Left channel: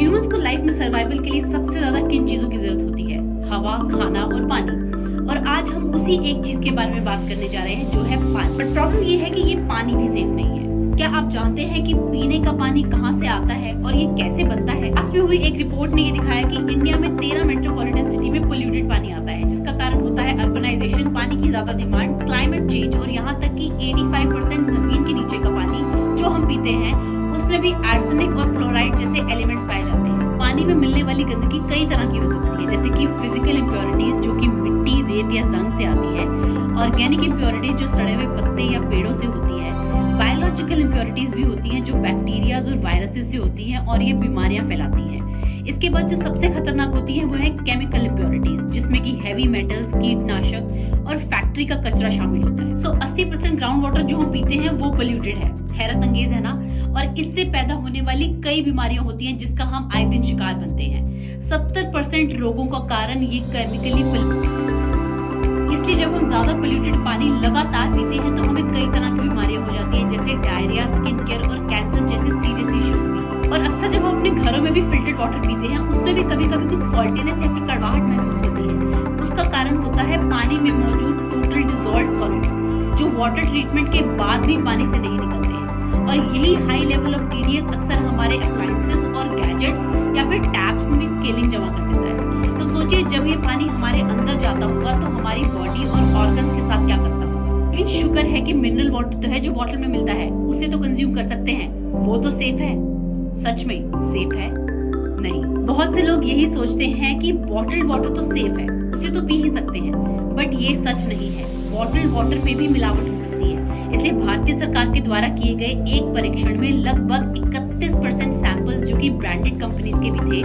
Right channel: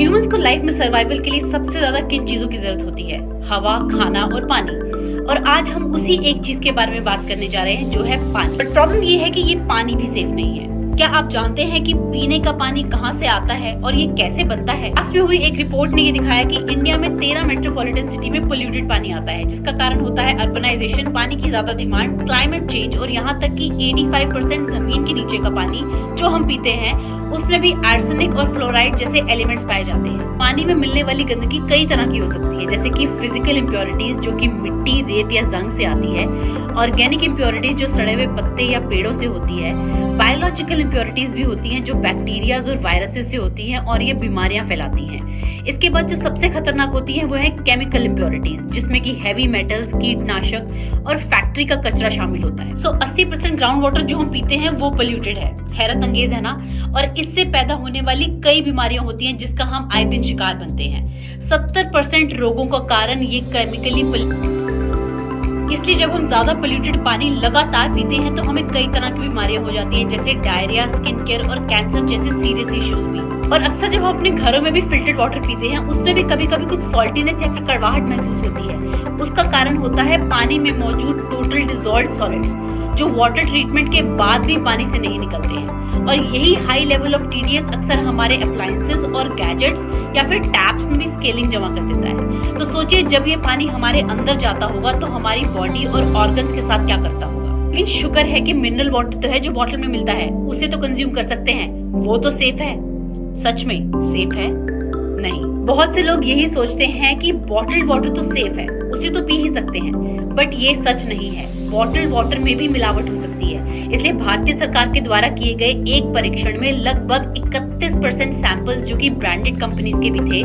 Humans को life में survival के लिए सबसे ज्यादा किन चीजों की जरूरत होती है? हवा, खाना और पानी। और आज हम उसी एक चीज के बारे में बात करने जा रहे हैं, जो है पानी। बट प्रॉब्लम ये है कि ये पानी भी सेफ नहीं है। क्या आप जानते हैं कि पीने का पानी कहाँ से आता है और ये कैसे बनता है? लास्ट में हुई एक रिपोर्ट ने ये दिखाया कि इंडिया में 13 मेट्रोपॉलिटन सिटी में पोल्यूटेड पानी आता है, जिसका कारण होता है अर्बनाइजेशन, पानी की ज्यादा डिमांड, क्लाइमेट चेंज और यहाँ तक कि 85% जमीन के नीचे का पानी जो हम पीते हैं उसमें भी आर्सेनिक और फ्लोराइड जैसे एलिमेंट्स पाए जाते हैं। पानी में मिलने वाली गंदगी कई तरह की हो सकती है, जैसे कि फिजिकल इम्प्योरिटीज जो कि मिट्टी, रेत या जंग से आती है, ऑर्गेनिक इम्प्योरिटीज जो सड़े हुए पत्ते या पेड़ों से होती है, बायोलॉजिकल इम्प्योरिटीज भी होती हैं जो बैक्टीरियाज और वायरसेस से होती हैं और ये बीमारियां फैलाती हैं। इसके बाद जो सबसे खतरनाक होती है वो है केमिकल इम्प्योरिटीज, जिसमें कि हैवी मेटल्स, कीटनाशक और फैक्ट्री का कचरा शामिल होता है। 80% ग्राउंड वाटर जो हम पीते हैं वो पोल्यूटेड है। हैरत अंगेज है ना? और इससे पैदा होने वाली कई बीमारियां होती हैं जिसका हम आए दिन शिकार बनते हैं। 70% रोगों का कारण ये केमिकली। इसलिए जब हम ज्यादा पोल्यूटेड पानी लगातार पीते हैं तो हमें कई तरह की बीमारियां हो जाती हैं, जैसे डायरिया, स्किन केयर और कैंसर जैसे सीरियस इश्यूज भी। और अक्सर जब हम अपने घरों में भी फिल्टर्ड वाटर पीते हैं उसमें भी कभी कभी कुछ सॉल्टीनेस या फिर कड़वाहट महसूस होती है। उसका कारण होता है पानी में मौजूद टोटल डिसॉल्व्ड सॉलिड्स, जो वाटर ट्रीटमेंट के बाद भी पानी से नहीं निकलते हैं। और यही हाई लेवल ऑफ टीडीएस अक्सर हमारे अप्लायंसेस और गैजेट्स या फिर टैप्स में भी स्केलिंग जमा कर देता है। तो सोचिए, जब ये पानी हमारे अंदर जाता होगा तो हमारी बॉडी और ऑर्गन्स के साथ क्या करता होगा। लेकिन शुक्र है कि मिनरल वाटर तो है जो बॉटल में मिलता है, उसे तो कंज्यूम कर सकते हैं, वो तो सेफ है। सच में सेफ है? नहीं। बहुत से लोग यही सोचते हैं कि बॉटल्ड वाटर तो सेफ है, उसे तो पी ही सकते हैं, बट ये सच नहीं है। बॉटल्ड वाटर में भी मिलावट हो सकती है। इसलिए भारतीय सरकार के द्वारा किए गए एक परीक्षण में लगभग 31% सैंपल्स जो कि ब्रांडेड कंपनीज के भी थे,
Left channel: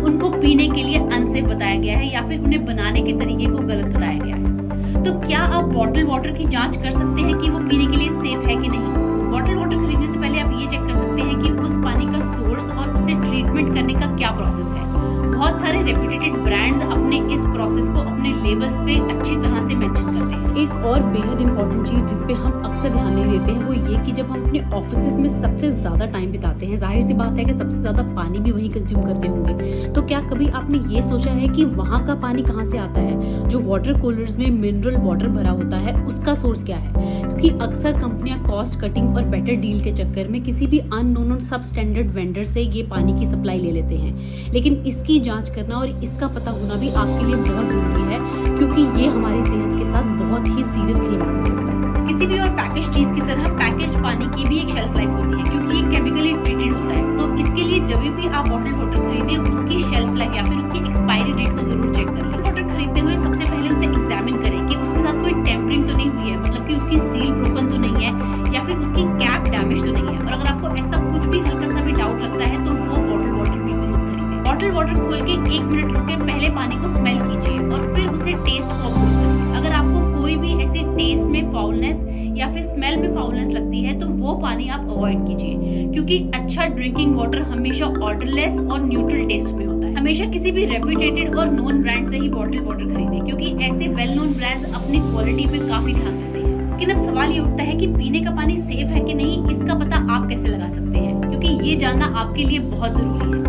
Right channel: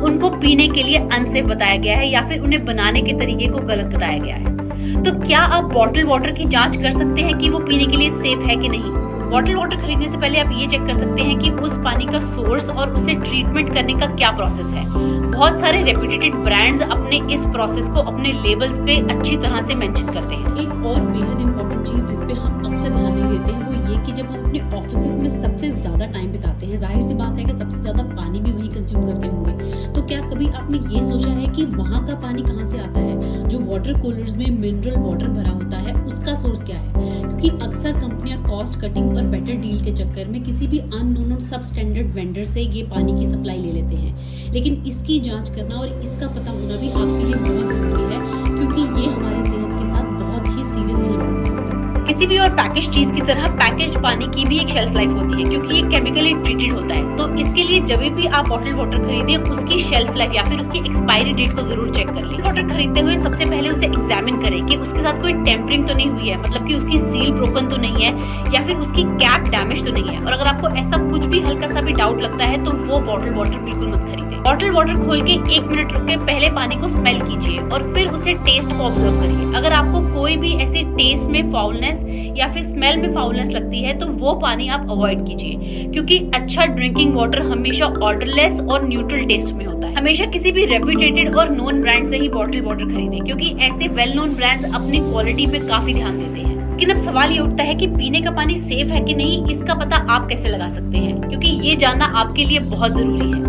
उनको पीने के लिए अनसेफ बताया गया है या फिर उन्हें बनाने के तरीके को गलत बताया गया है। तो क्या आप बॉटल वाटर की जांच कर सकते हैं कि वो पीने के लिए सेफ है कि नहीं? बॉटल वाटर खरीदने से पहले आप ये चेक कर सकते हैं कि उस पानी का सोर्स और उसे ट्रीटमेंट करने का क्या प्रोसेस है। बहुत सारे रेप्यूटेड ब्रांड्स अपने इस प्रोसेस को अपने लेबल्स पे अच्छी तरह से मेंशन करते हैं। एक और बेहद इंपॉर्टेंट चीज जिस पे हम अक्सर ध्यान नहीं देते हैं वो ये कि जब हम अपने ऑफिसेज में सबसे ज्यादा टाइम बिताते हैं, जाहिर सी बात है कि सबसे ज्यादा पानी भी वहीं कंज्यूम करते होंगे। तो क्या कभी आपने ये सोचा है कि वहाँ का पानी कहाँ से आता है? जो वाटर कूलर्स में मिनरल वाटर भरा होता है उसका सोर्स क्या है? क्योंकि अक्सर कंपनियां कॉस्ट कटिंग और बेटर डील के चक्कर में किसी भी अननोन और सब स्टैंडर्ड वेंडर से ये पानी की सप्लाई ले लेते हैं, लेकिन इसकी जांच करना और इसका पता होना भी आपके लिए बहुत जरूरी है, क्योंकि ये हमारी सेहत के साथ बहुत ही सीरियस खिलवाड़ हो सकता है। किसी भी और पैकेज चीज की तरह पैकेज पानी की भी एक शेल्फ लाइफ होती है, क्योंकि ये केमिकली ट्रीटेड होता है। तो इसके लिए जब भी आप बॉटल वाटर खरीदें उसकी शेल्फ लाइफ या फिर उसकी एक्सपायरी डेट को जरूर चेक कर लें। वाटर खरीदते हुए सबसे पहले उसे एग्जामिन करें कि उसके साथ कोई टेम्परिंग तो नहीं हुई है, मतलब कि उसकी सील ब्रोकन तो नहीं है या फिर उसकी कैप डैमेज तो नहीं है। और अगर आपको ऐसा कुछ भी हल्का सा भी डाउट लगता है तो वो बॉटल वाटर बिल्कुल मत खरीदें। बॉटल वाटर खोल के 1 मिनट रुक के पहले पानी को स्मेल कीजिए और फिर उसे टेस्ट को ऑब्जर्व करिए। अगर आपको कोई भी ऐसे टेस्ट में फाउलनेस या फिर स्मेल में फाउलनेस लगती है तो वो पानी आप अवॉइड कीजिए, क्योंकि अच्छा ड्रिंकिंग वाटर हमेशा ऑर्डरलेस और न्यूट्रल टेस्ट में होता है। हमेशा किसी भी रेप्यूटेड और नोन ब्रांड से ही बॉटल वाटर खरीदें, क्योंकि ऐसे वेल नोन ब्रांड्स अपनी क्वालिटी पे काफी ध्यान देते हैं। लेकिन अब सवाल ये उठता है कि पीने का पानी सेफ है कि नहीं, इसका पता आप कैसे लगा सकते हैं? क्योंकि ये जानना आपके लिए बहुत जरूरी है।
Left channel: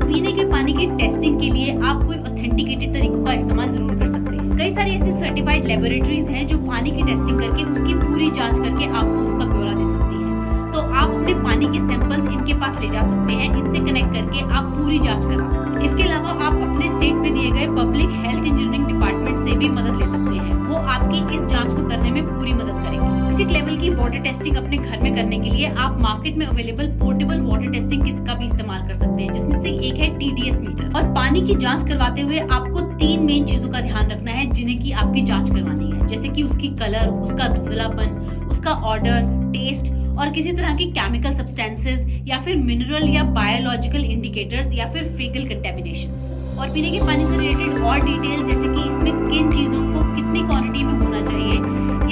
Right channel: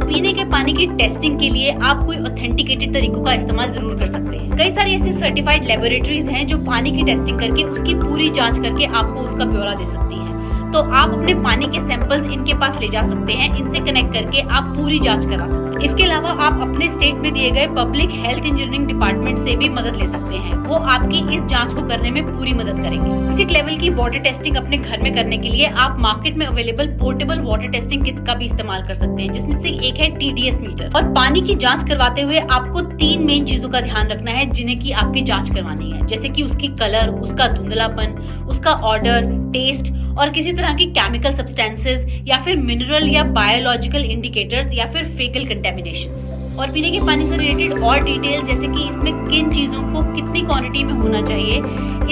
पीने के पानी की टेस्टिंग के लिए आप कोई ऑथेंटिकेटेड तरीकों का इस्तेमाल जरूर कर सकते हैं। कई सारी ऐसी सर्टिफाइड लेबोरेटरीज हैं जो पानी की टेस्टिंग करके उसकी पूरी जांच करके आपको उसका ब्यौरा दे सकती हैं। तो आप अपने पानी के सैंपल्स इनके पास ले जा सकते हैं, इनसे कनेक्ट करके आप पूरी जांच करा सकते हैं। इसके अलावा आप अपने स्टेट में दिए गए पब्लिक हेल्थ इंजीनियरिंग डिपार्टमेंट से भी मदद ले सकते हैं, वो आपकी इस जांच को करने में पूरी मदद करेंगे। बेसिक लेवल की वाटर टेस्टिंग अपने घर में करने के लिए आप मार्केट में available portable water testing kits का भी इस्तेमाल कर सकते हैं, जिसमें से एक है TDS मीटर। और पानी की जांच करवाते हुए आपको 3 मेन चीजों का ध्यान रखना है जिन्हें की आपकी जांच करवानी है, जैसे कि उसकी कलर, उसका धुंधलापन, उसका ऑर्डर, टेस्ट और किसी तरह की केमिकल सब्सटेंसेस या फिर मिनरल या बायोलॉजिकल इंडिकेटर्स या फिर फेकल कंटेमिनेशंस। और पीने के पानी से रिलेटेड और डिटेल्स, जैसे कि इसमें किन चीजों को कितनी क्वांटिटी में होना चाहिए,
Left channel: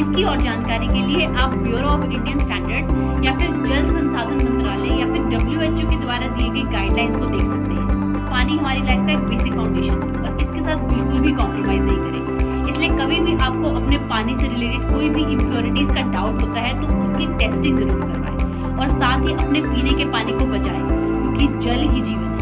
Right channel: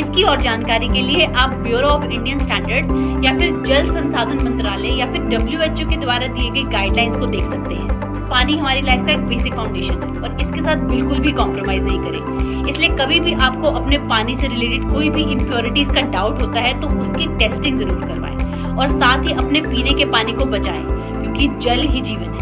इसकी और जानकारी के लिए आप ब्यूरो ऑफ इंडियन स्टैंडर्ड्स या फिर जल संसाधन मंत्रालय या फिर WHO के द्वारा दिए गए गाइडलाइंस को देख सकते हैं। पानी हमारी लाइफ का एक बेसिक फाउंडेशन है और इसके साथ बिल्कुल भी कॉम्प्रोमाइज नहीं करें। इसलिए कभी भी आपको अपने पानी से रिलेटेड कोई भी इम्प्योरिटीज का डाउट होता है तो उसकी टेस्टिंग जरूर करवाएं और साथ ही अपने पीने के पानी को बचाएं, क्योंकि जल ही जीवन है।